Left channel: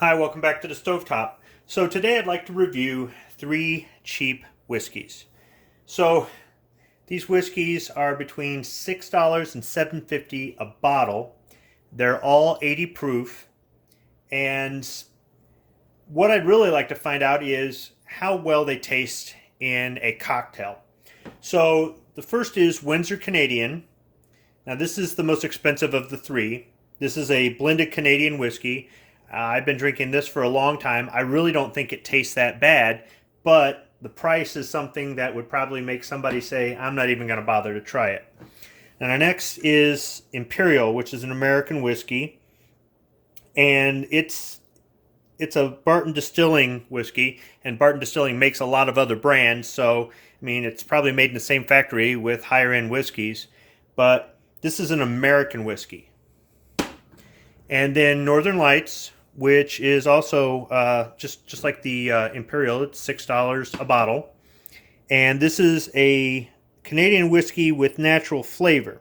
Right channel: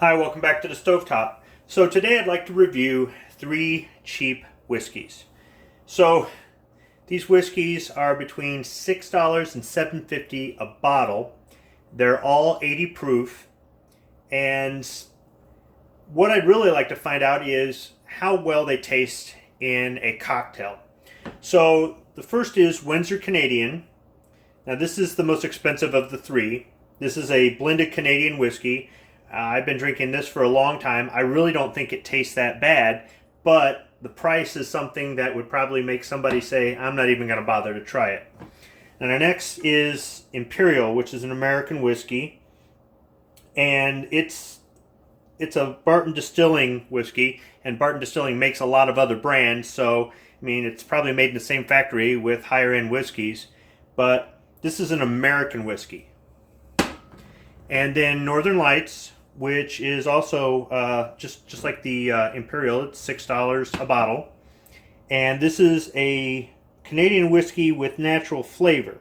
Hi, welcome back to the Stovetop. So today I'd like to review 3 cheap whiskeys. So these whiskeys are between $6 and $7.50 a bottle. They're all 80 proof. And what I'd really like to find out is how well they taste in a cocktail. So the first is Windsor Canadian. Now this is the most expensive of the 3. This is a blended Canadian whiskey. I've been drinking this for a long time. I really don't think it tastes that bad, but the price is something that would probably make somebody say, I'm not even going to bother to try it. And our next is Imperial, which is an American whiskey. And it's a Barton Distilling whiskey, and Barton Distilling makes a lot of other brands, so I mean it's probably made in the same factory with higher end whiskeys, but this is an American whiskey. And then Northern Lights, which is also just like the Imperial. It's $6 a bottle, and this is a Canadian whiskey with natural flavor.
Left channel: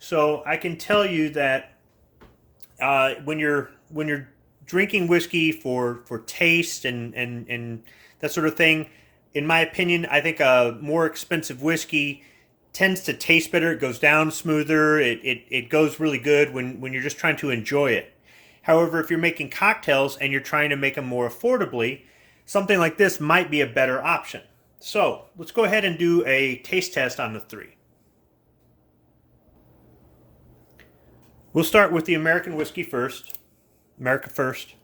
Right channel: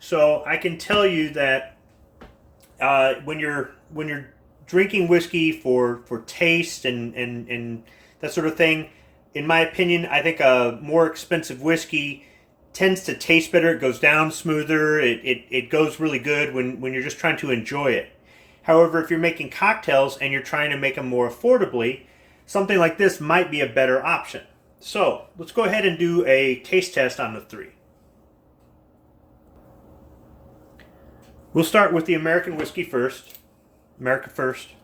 So I can tell you that when you're drinking whiskey for taste and that sort of thing, in my opinion, I think a more expensive whiskey tends to taste better. It goes down smoother. It goes really good when you're just trying to enjoy it. However, if you're making cocktails and you're trying to make them more affordably, something like this might be a better option. So let's go ahead and do a taste test on the 3. We'll start with the American whiskey first. America first.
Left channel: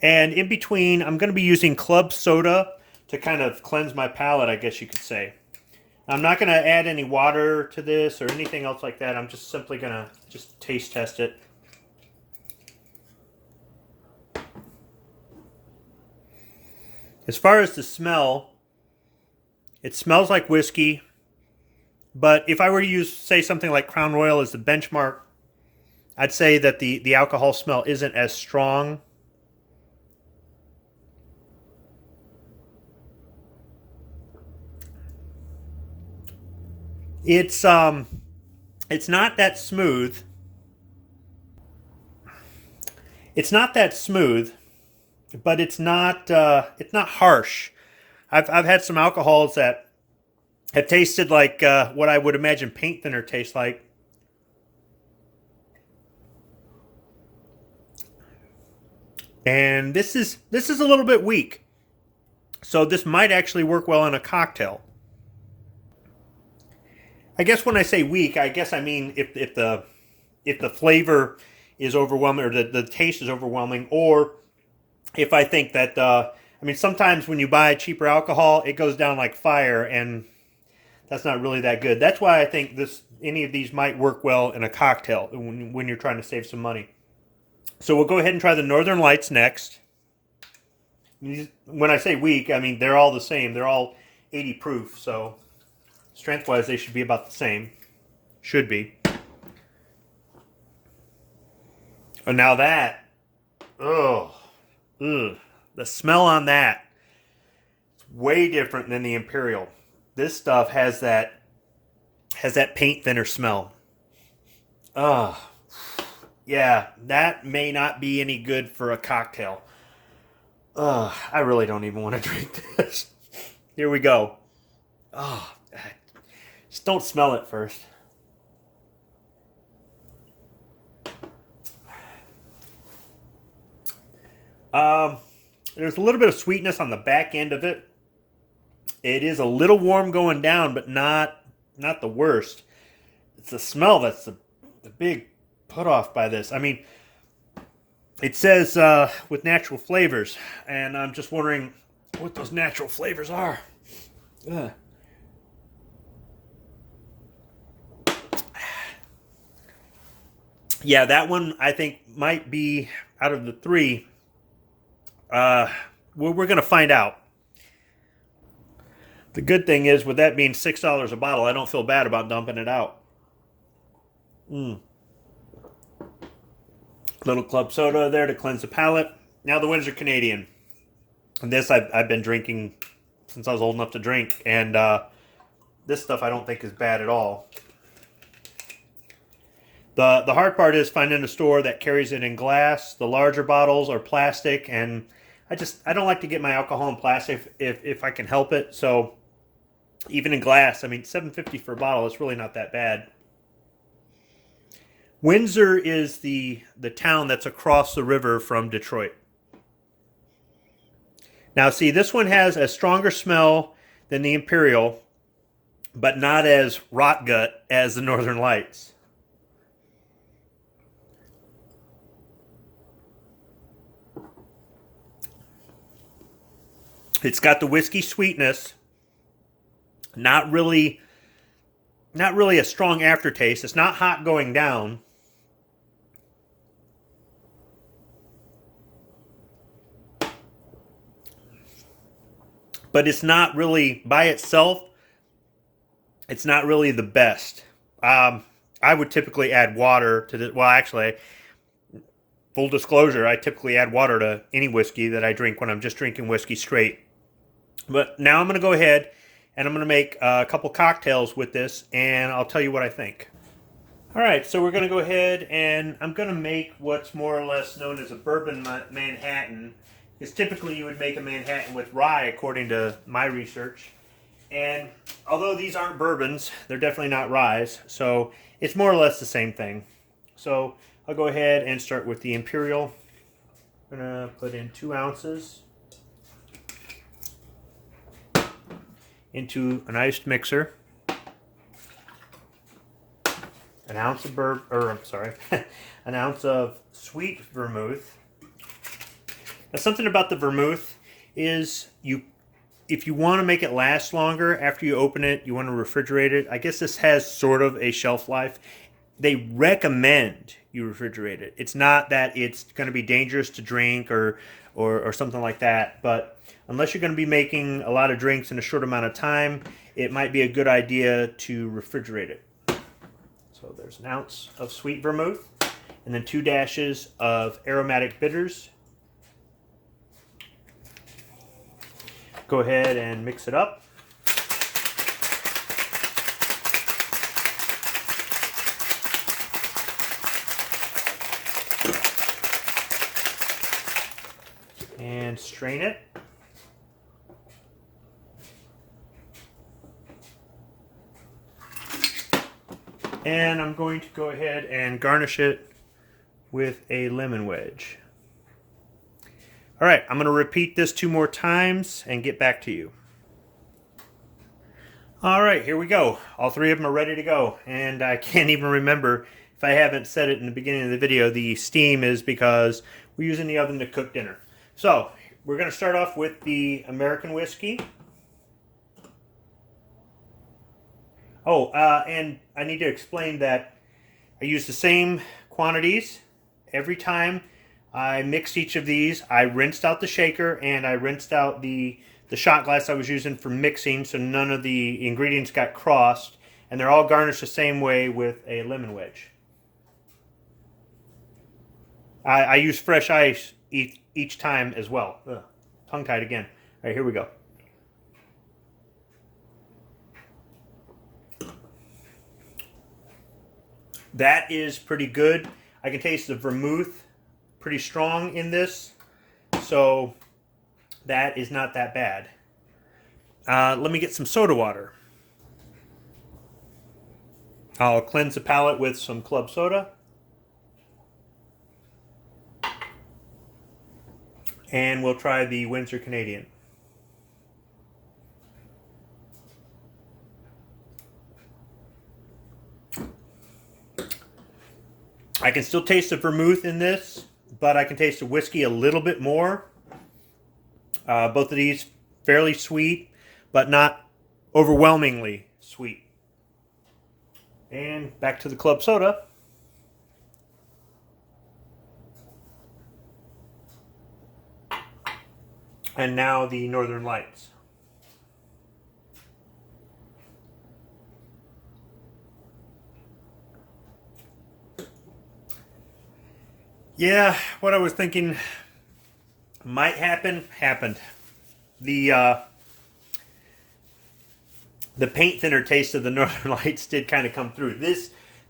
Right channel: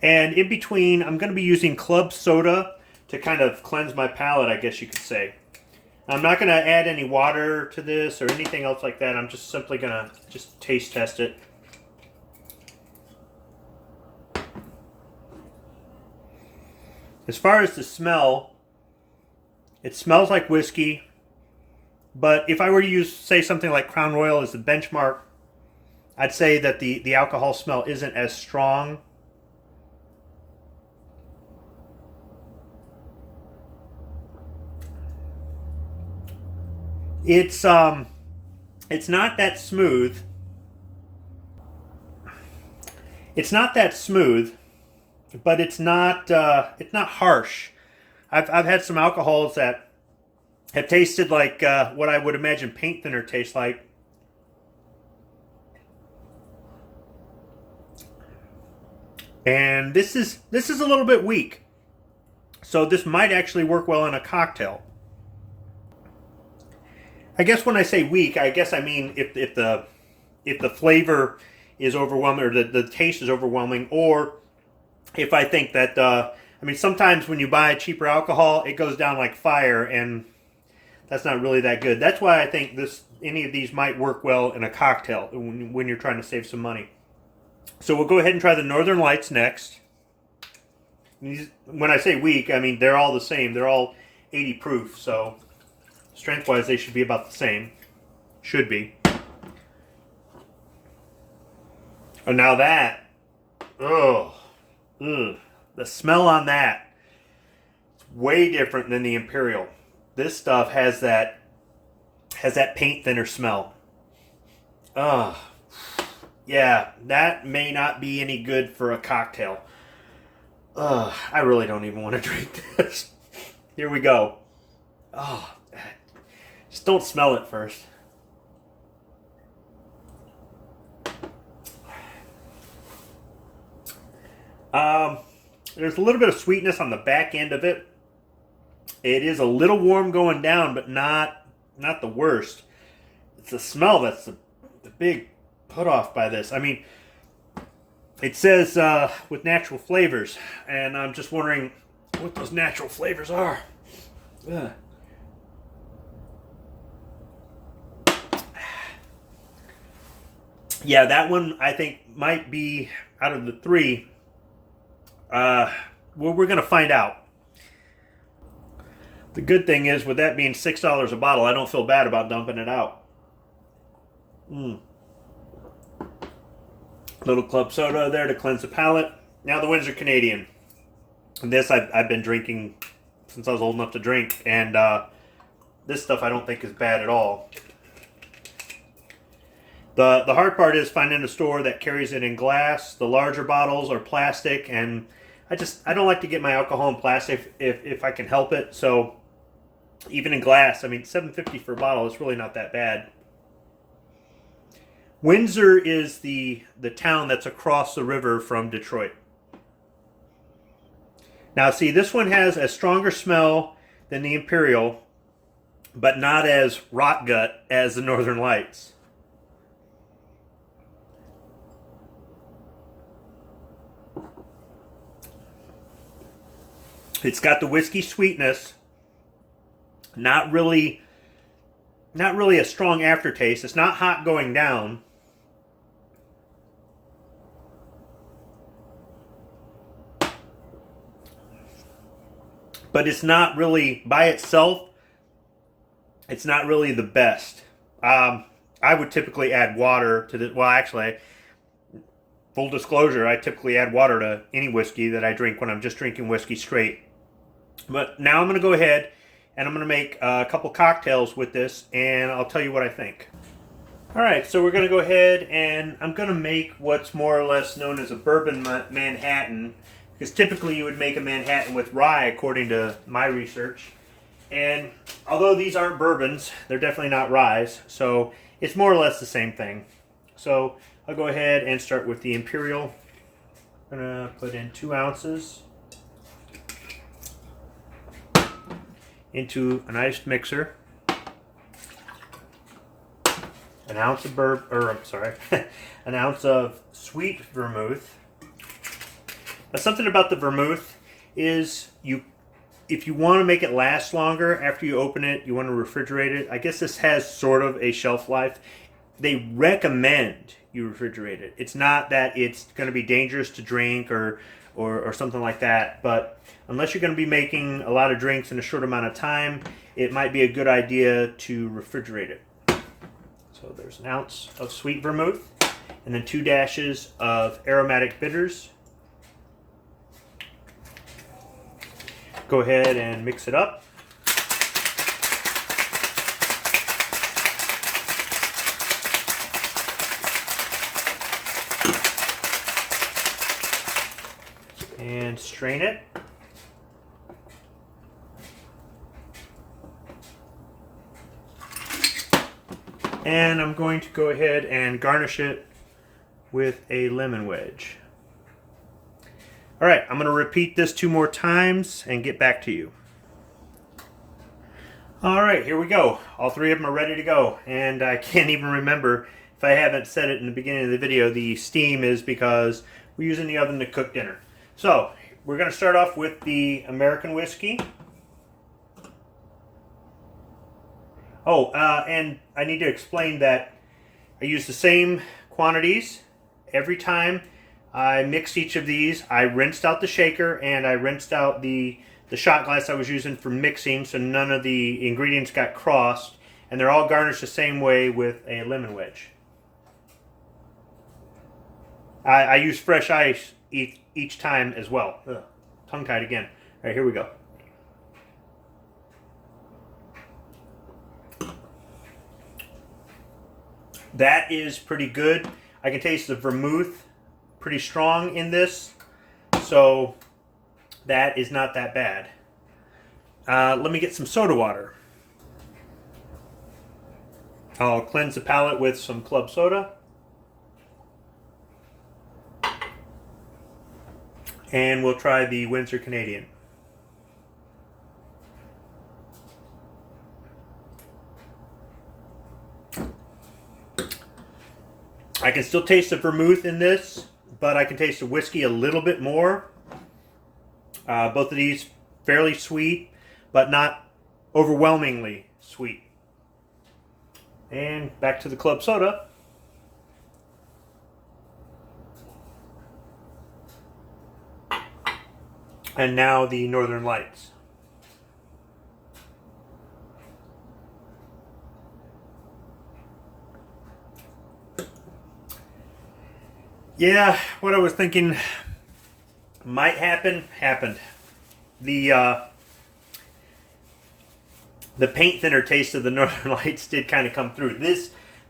And in between, I'm going to be using club soda to kind of cleanse my palate, I guess you could say. I'm not going to add any water to this or anything else like that. I'm just simply going to just taste test it. As far as the smell, it smells like whiskey, but if I were to use, say, something like Crown Royal as the benchmark, I'd say that the alcohol smell isn't as strong. It's not that smooth. It's not that smooth, but it's not harsh. I've had some alcohols that have tasted like what I would imagine paint thinner tastes like. And this is a little bit weak. So this might actually work well in a cocktail. I guess when I say weak, I guess I mean if the flavor is overwhelming or the taste is overwhelming, or if I think that I mean sometimes when you buy cheaper alcohol, it goes down like fire, and that's not really that good. That's why I think any of these might work well in a cocktail when you're trying to save some money. So we'll go ahead and try the Northern Lights next. When I say weak, I mean they're all the same. They're all 80 proof, so strength-wise they should be about the same. Should be. And now that, ugh, the smell on that, it's way different than the Imperial. This stuff has that paint thinner smell. Ugh. Yeah, that may not be any good for a cocktail. I really don't even want to drink this. Here we go. Oh, just don't smell it first. There's a little bit of sweetness on the back end of it. It is a little warm going down, but not the worst. It's the smell that's the big put off by this. I mean, it says with natural flavors, and I'm just wondering what those natural flavors are. Ugh. Yeah, that one I think might be out of the 3. We're going to find out. The good thing is, with that being $6 a bottle, I don't feel bad about dumping it out. Little club soda there to cleanse the palate. Now the Windsor Canadian. And this I've been drinking since I was old enough to drink, and this stuff I don't think is bad at all. The hard part is finding a store that carries it in glass. The larger bottles are plastic, and I don't like to get my alcohol in plastic if I can help it. So even in glass, I mean, $7.50 for a bottle is really not that bad. Windsor is the town that's across the river from Detroit. Now, see, this one has a stronger smell than the Imperial, but not as rot gut as the Northern Lights. It's got the whiskey sweetness, not really a strong aftertaste. It's not hot going down. But it's not really, by itself, it's not really the best. I would typically add water to the, well, actually, full disclosure, I typically add water to any whiskey that I drink when I'm just drinking whiskey straight. But now I'm going to go ahead and I'm going to make a couple cocktails with this, and I'll tell you what I think. All right, so we're going to go ahead and I'm going to make what's more or less known as a bourbon Manhattan, because typically you would make a Manhattan with rye, according to my research. And although these aren't bourbons, they're definitely not ryes, so it's more or less the same thing. So I'll go ahead and start with the Imperial. I'm going to put in 2 ounces into an iced mixer. An ounce of an ounce of sweet vermouth. Now, something about the vermouth is if you want to make it last longer after you open it, you want to refrigerate it. I guess this has sort of a shelf life. They recommend you refrigerate it. It's not that it's going to be dangerous to drink or something like that, but unless you're going to be making a lot of drinks in a short amount of time, it might be a good idea to refrigerate it. So there's an ounce of sweet vermouth, and then 2 dashes of aromatic bitters. Go ahead and mix it up. And strain it. And I'm going to go ahead and garnish it with a lemon wedge. All right, I'm going to repeat this 2 more times and get back to you. All right, here we go. All 3 of them are ready to go. And I can't even remember if I haven't said it in the beginning of the video. The steam is because we're using the oven to cook dinner. So we're going to start off with the American whiskey. Oh, and I need to explain that I use the same quantities every time I mixed each of these. I rinsed out the shaker and I rinsed out the shot glass I was using for mixing, so none of the ingredients got crossed, and they're all garnished the same way with a lemon wedge. I use fresh ice each time as well. Ugh, tongue-tied again. All right, here we go. That is pretty good. I can taste the vermouth pretty strong in this, so that is not that bad. Let me get some soda water. I'll cleanse the palate with some club soda. And we'll try the Windsor Canadian. I can still taste the vermouth in this, but I can taste the whiskey a little bit more. Both of these fairly sweet, but not overwhelmingly sweet. And back to the club soda. And now the Northern Lights. Yeah, what I was thinking might happen, happened. The paint thinner taste of the Northern Lights did kind of come through.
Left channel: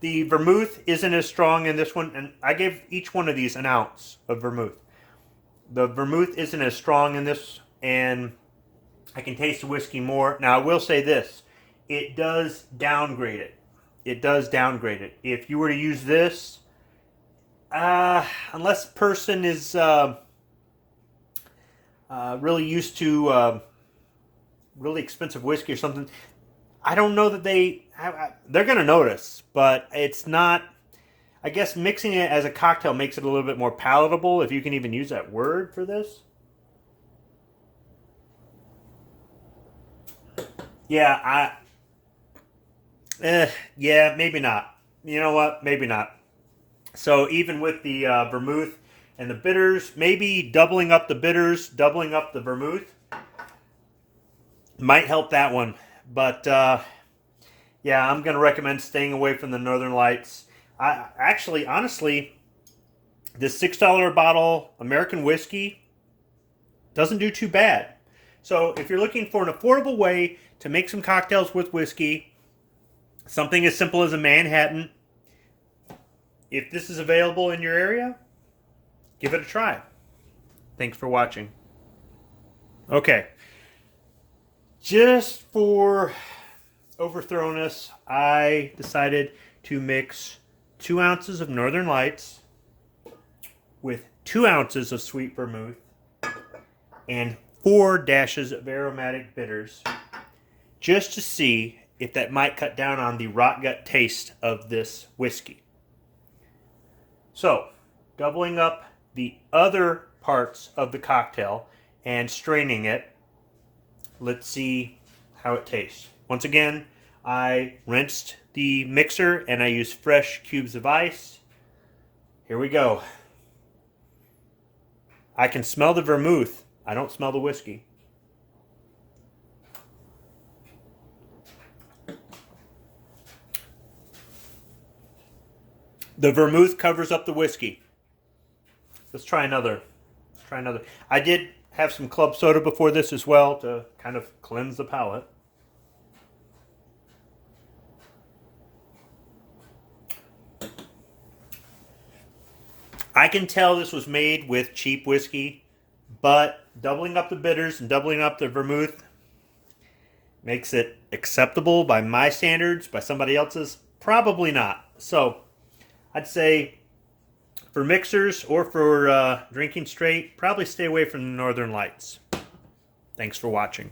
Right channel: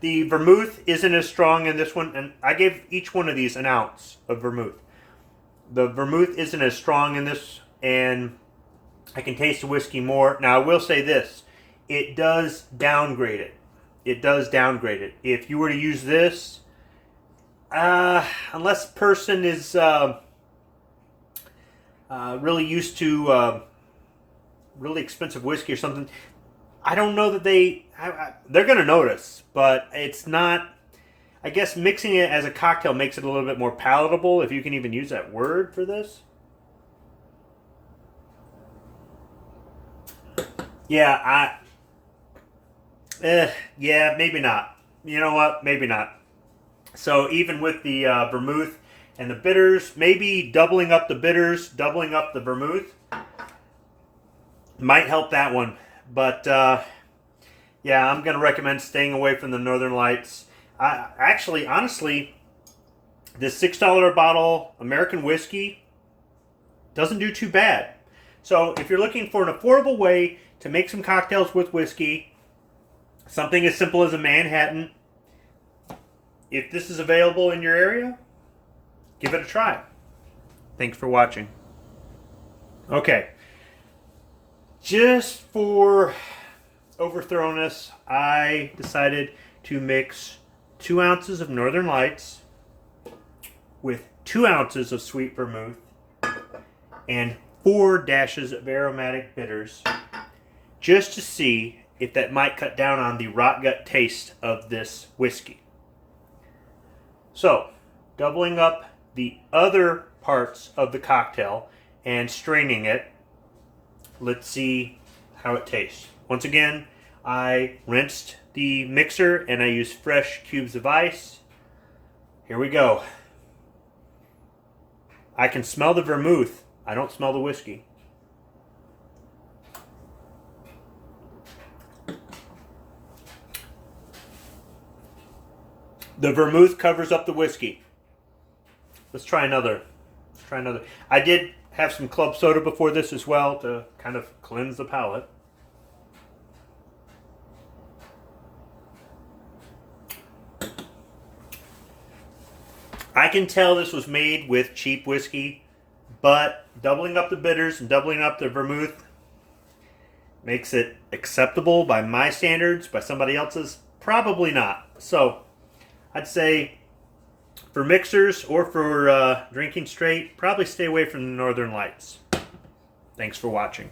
The vermouth isn't as strong in this one, and I gave each one of these an ounce of vermouth. The vermouth isn't as strong in this, and I can taste the whiskey more. Now, I will say this. It does downgrade it. It does downgrade it. If you were to use this, unless the person is really used to really expensive whiskey or something, I don't know that they're going to notice, but it's not. I guess mixing it as a cocktail makes it a little bit more palatable, if you can even use that word for this. Yeah, yeah, maybe not. You know what? Maybe not. So even with the vermouth and the bitters, maybe doubling up the bitters, doubling up the vermouth might help that one. But yeah, I'm going to recommend staying away from the Northern Lights. Honestly, this $6 a bottle American whiskey doesn't do too bad. So if you're looking for an affordable way to make some cocktails with whiskey, something as simple as a Manhattan, if this is available in your area, give it a try. Thanks for watching. Okay. Just for overthrowness, I decided to mix 2 ounces of Northern Lights with 2 ounces of sweet vermouth and 4 dashes of aromatic bitters, just to see if that might cut down on the rot gut taste of this whiskey. So, doubling up the other parts of the cocktail and straining it, let's see how it tastes. Once again, I rinsed the mixer and I used fresh cubes of ice. Here we go. I can smell the vermouth. I don't smell the whiskey. The vermouth covers up the whiskey. Let's try another. I did have some club soda before this as well to kind of cleanse the palate. I can tell this was made with cheap whiskey, but doubling up the bitters and doubling up the vermouth makes it acceptable by my standards. By somebody else's, probably not. So I'd say for mixers or for drinking straight, probably stay away from the Northern Lights. Thanks for watching.